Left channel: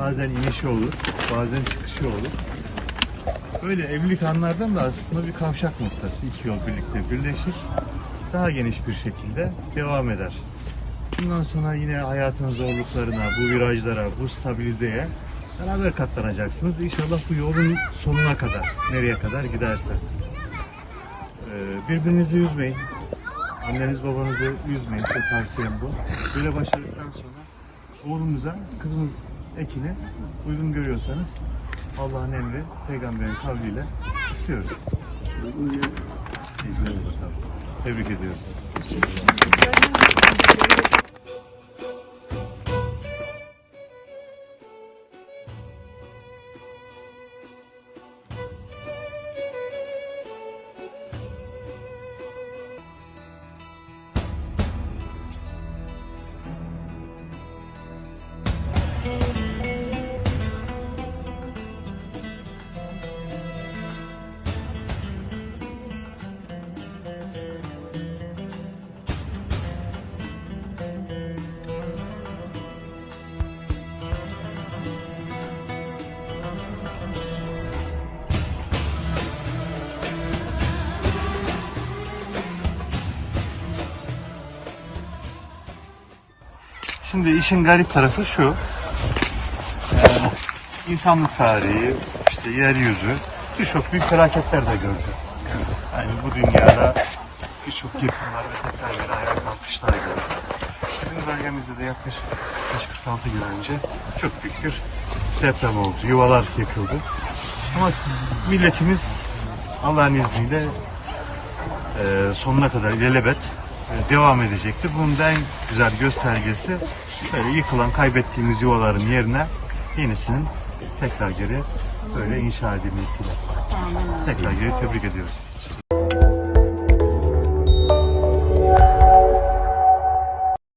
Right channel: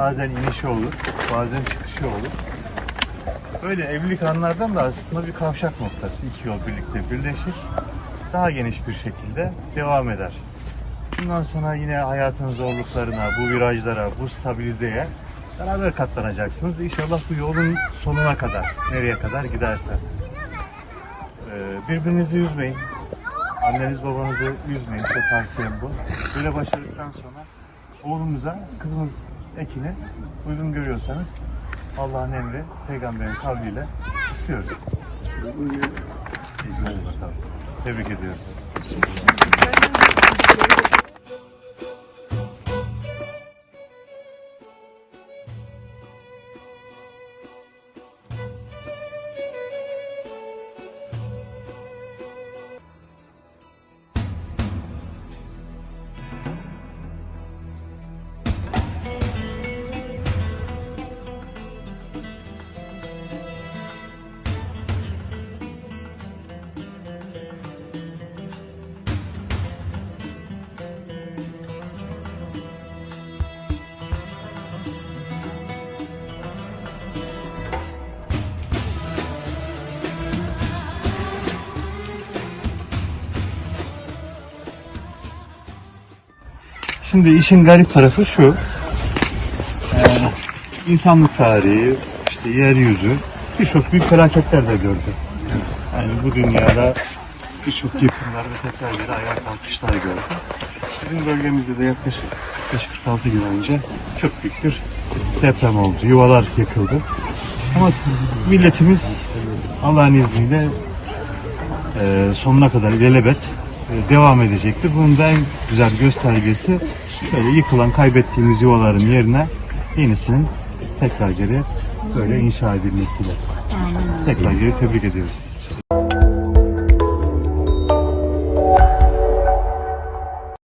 Bazen inişi olur, bazen çıkışı olur. Böyle evlilik anlardan da aslında bir kavşak noktası. İki yol birlikte birleşir. Daha geniş bir şekilde devam eder. Bundan sonra yine hayatın zorluklarına, bu virajlara, bu stabilizeye beraber katlanacaksınız. İnşallah bu yolun sonuna kadar, nereye kadar giderse. Ee, birbirinizi üzmeyin. Anneniz babanızı üzmeyin. Çok tavsiyem bu. Böyle başladıktan sonra oğlumuza, kızımız Ekin'e uygun görüyorsanız Allah'ın emri, peygamberin kavliyle istiyoruz. İyi günler bakalım. Tebrik ediyoruz. Şimdi işin garip tarafı şu. Ee, insanlık tarihi, işte yeryüzü birçok büyük felaketler de gördü. Yani bu dünyada birçok yıkımlar ve tekrar geri ayağa kalkışlar gördü. Bizim bölgemizde de yaklaşık 46 gün önce çok bir deprem oldu. Yuvalar yıkıldı. Ama milletimiz Allah'ın izniyle e, sonuna kadar ilelebet devam edecektir. Bunun da en güzel göstergesi böyle yıkılan, kaybettiğimiz yuvaların yerine yenisinin tekrar geri böyle inşa edilmesiyle. Tekrar geri tebrik ediyoruz.